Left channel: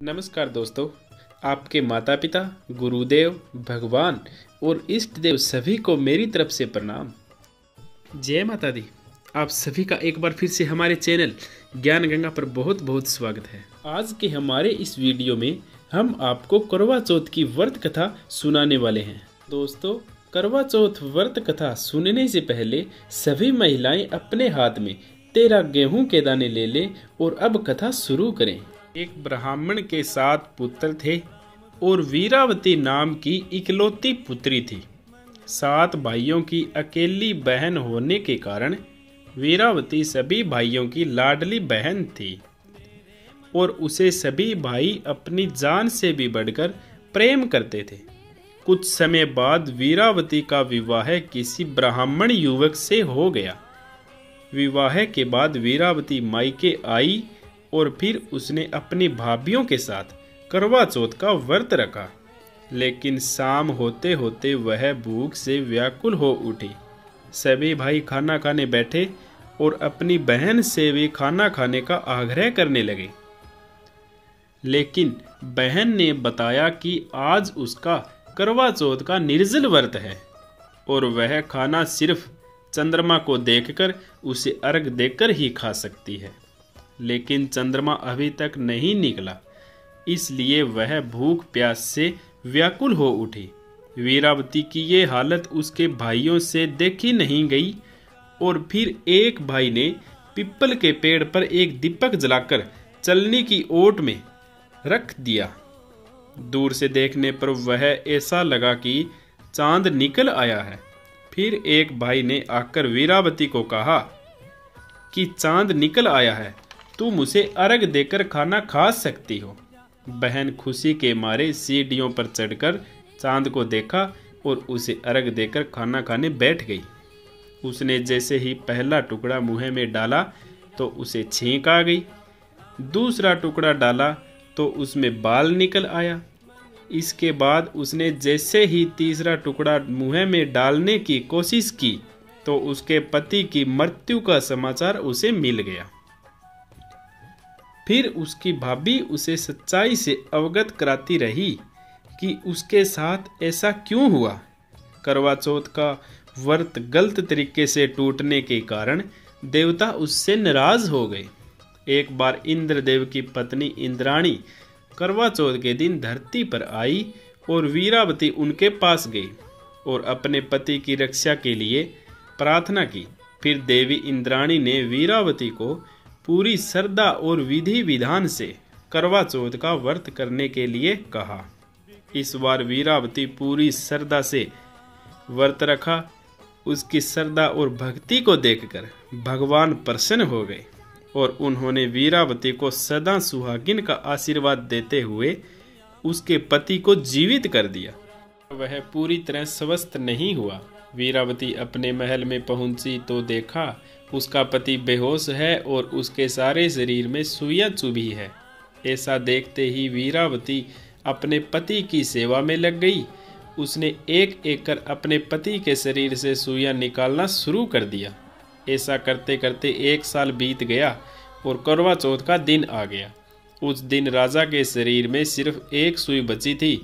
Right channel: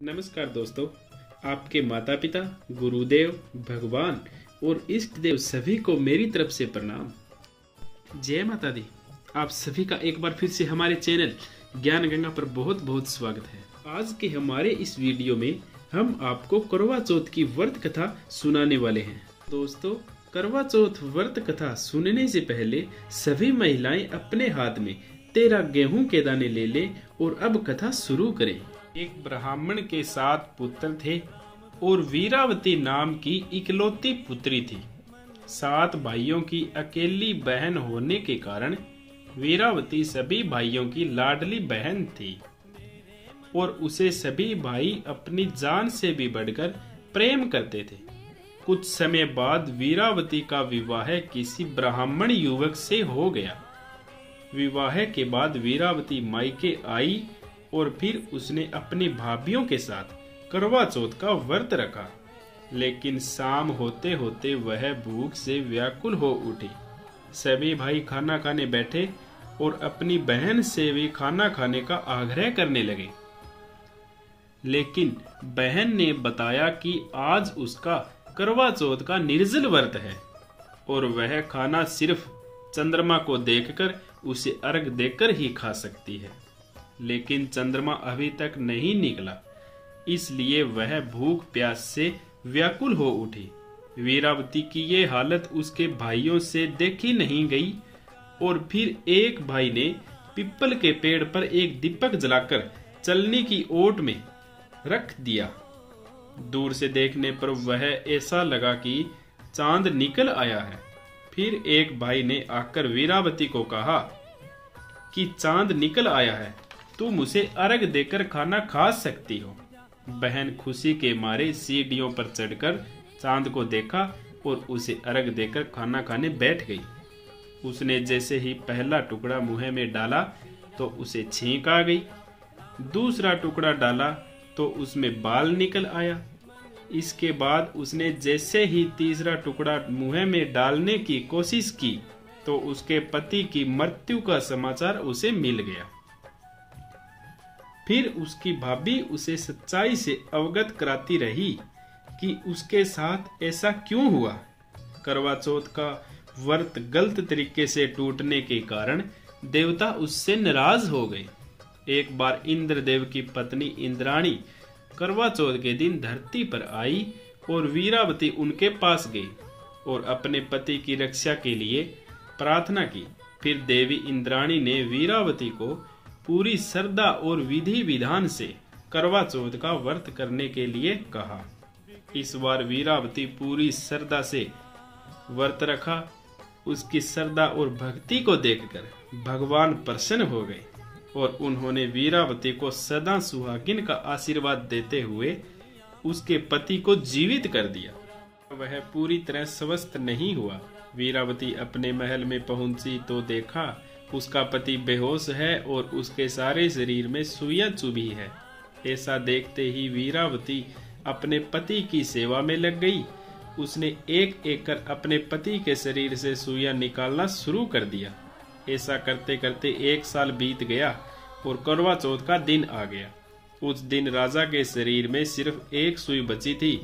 नमस्कार दोस्तों, आपके माता पिता, गुरुदेव, भगवान और इष्ट देव सभी को मेरी तरफ से प्रणाम। जय माता दी। आप सभी का एक बार फिर से हमारे चैनल ज्ञान गंगा पर बहुत बहुत स्वागत है। आज के हमारे इस वीडियो में हम आपको करवा चौथ की व्रत कथा सुनाने वाले हैं। दोस्तों, करवा चौथ व्रत कथा सुनने से पहले सभी महिलाएं अपने हाथ में 13 गेहूं के दाने ले लें और अब कथा शुरू करें। एक ब्राह्मण के 7 पुत्र थे और वीरावती नाम की इकलौती पुत्री थी। 7 भाइयों की अकेली बहन होने के कारण वीरावती सभी भाइयों की लाडली बहन थी और उसे सभी भाई अपनी जान से भी बढ़कर प्रेम करते थे। कुछ समय बाद वीरावती का विवाह किसी ब्राह्मण युवक से हो गया। विवाह के बाद वीरावती मायके आई और फिर उसने अपनी भाभियों के साथ करवा चौथ का व्रत रखा, लेकिन शाम होते होते वह भूख से व्याकुल हो उठी। सभी भाई खाना खाने बैठे और अपनी बहन से भी खाना खाने का आग्रह करने लगे, लेकिन बहन ने बताया कि आज उसका करवा चौथ का निर्जल व्रत है और वह खाना सिर्फ चंद्रमा को देखकर उसे अर्घ देकर ही खा सकती है। लेकिन चंद्रमा अभी तक नहीं निकला, इसलिए वह भूख प्यास से व्याकुल हो उठी। वीरावती की ये हालत उसके भाइयों से देखी नहीं गई और फिर एक भाई ने पीपल के पेड़ पर एक दीपक जलाकर चलने की ओट में रख दिया। दूर से देखने पर वह ऐसा लगा कि चांद निकल आया है। फिर एक भाई ने आकर वीरावती को कहा कि चांद निकल आया है, तुम उसे अर्घ देकर खाना खा सकती हो। बहन खुशी के मारे सीढ़ियों पर चढ़कर चांद को देखा और उसे अर्घ देकर खाना खाने बैठ गई। उसने जैसे ही पहला टुकड़ा मुंह में डाला तो उसे छींक आ गई। दूसरा टुकड़ा डाला तो उसमें बाल निकल आया। इसके बाद उसने जैसे ही तीसरा टुकड़ा मुंह में डालने की कोशिश की तो उसके पति की मृत्यु का समाचार उसे मिल गया। फिर उसकी भाभी उसे सच्चाई से अवगत कराती रही कि उसके साथ ऐसा क्यों हुआ। करवा चौथ का व्रत गलत तरीके से टूटने के कारण देवता उससे नाराज हो गए। एक बार इंद्रदेव की पत्नी इंद्राणी करवा चौथ के दिन धरती पर आई और वीरावती उनके पास गई और अपने पति की रक्षा के लिए प्रार्थना की। फिर देवी इंद्राणी ने वीरावती को पूरी श्रद्धा और विधि विधान से करवा चौथ का व्रत करने के लिए कहा। इस बार वीरावती पूरी श्रद्धा से व्रत रखा। उसकी श्रद्धा और भक्ति को देखकर भगवान प्रसन्न हो गए और उन्होंने वीरावती को सदा सुहागिन का आशीर्वाद देते हुए उसके पति को जीवित कर दिया। वह पूरी तरह स्वस्थ नहीं हुआ। वीरावती अपने महल में पहुंची तो देखा उसका पति बेहोश है और उसके सारे शरीर में सुइयां चुभी है। ऐसा देखते ही वीरावती अपने पति की सेवा में लग गई। उसने एक एक कर अपने पति के शरीर से सुइयां निकालना शुरू कर दिया। ऐसा करते करते 1 साल बीत गया और करवा चौथ का दिन आ गया। उस दिन राजा के शरीर में सिर्फ एक सुई बची थी।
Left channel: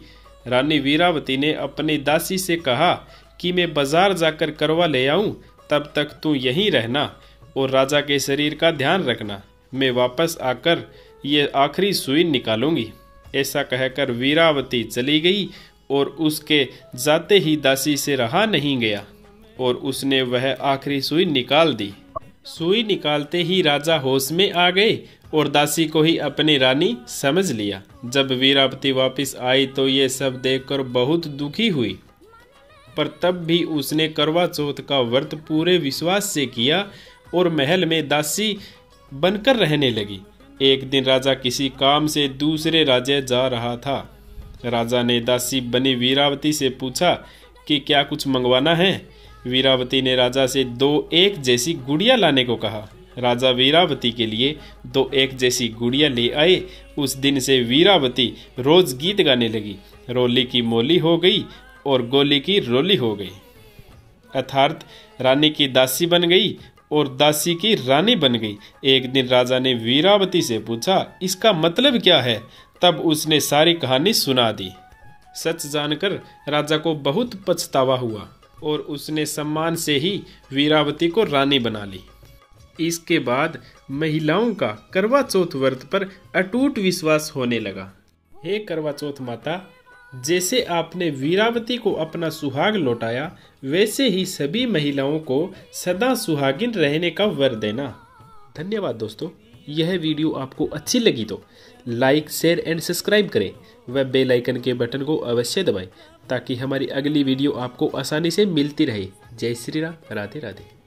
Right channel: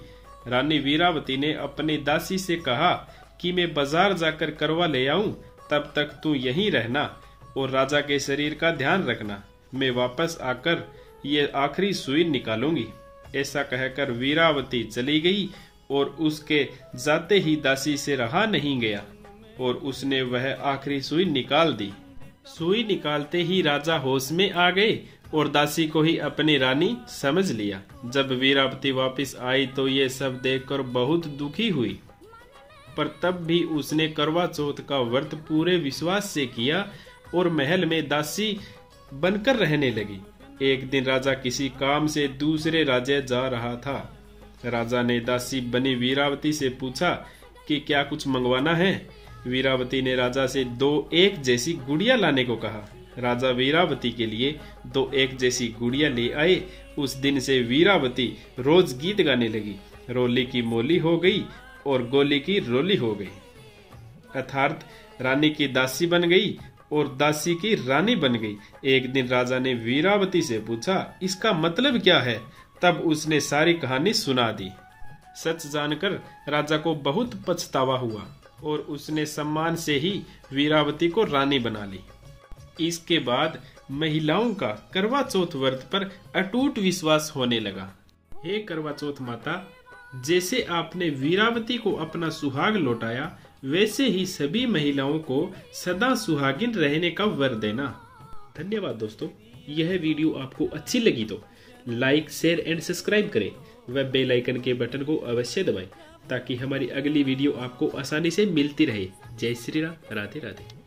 रानी वीरावती ने अपनी दासी से कहा कि मैं बाजार जाकर करवा ले आऊं, तब तक तू यहीं रहना और राजा के शरीर का ध्यान रखना। मैं वापस आकर ये आखिरी सुई निकालूंगी। ऐसा कहकर वीरावती चली गई और उसके जाते ही दासी से रहा नहीं गया और उसने वह आखिरी सुई निकाल दी। सुई निकालते ही राजा होश में आ गए और दासी को ही अपनी रानी समझ लिया। जब वीरावती वापस आई तो ये सब देखकर बहुत दुखी हुई, पर तब भी उसने करवा चौथ का व्रत पूरे विश्वास से किया और महल में दासी बनकर रहने लगी। एक दिन राजा किसी काम से दूसरे राज्य जा रहा था। राजा ने दासी बनी वीरावती से पूछा कि क्या कुछ मंगवाना है। वीरावती ने राजा से 2 एक जैसी गुड़िया लाने को कहा। राजा वीरावती के लिए 2 एक जैसी गुड़िया ले आए। उस दिन से वीरावती रोज गीत गाने लगी। रोली की मोली हो गई और गोली की रोली हो गई, अर्थात रानी की दासी बन गई और दासी की रानी बन गई। एक दिन राजा ने वीरावती से पूछा, इसका मतलब क्या है? तब उसने सारी कहानी सुना दी। सच जानकर राजा को बहुत पछतावा हुआ और उसने सम्मान से ही वीरावती को रानी बना ली। इसके बाद महिलाओं का करवा चौथ व्रत पर अटूट विश्वास होने लगा। हे करवा चौथ माता, जैसे आपने वीरावती को अपना सुहाग लौटाया, वैसे ही सभी महिलाओं को सदा सुहागिन रहने का वर देना। धन्यवाद दोस्तों। यह वीडियो आपको अच्छी लगी तो लाइक, शेयर एंड सब्सक्राइब करें व बेल आइकन के बटन को अवश्य दबाएं ताकि हमारी अगली वीडियो आपको आसानी से मिलती रहे। जय श्री राम। राधे राधे।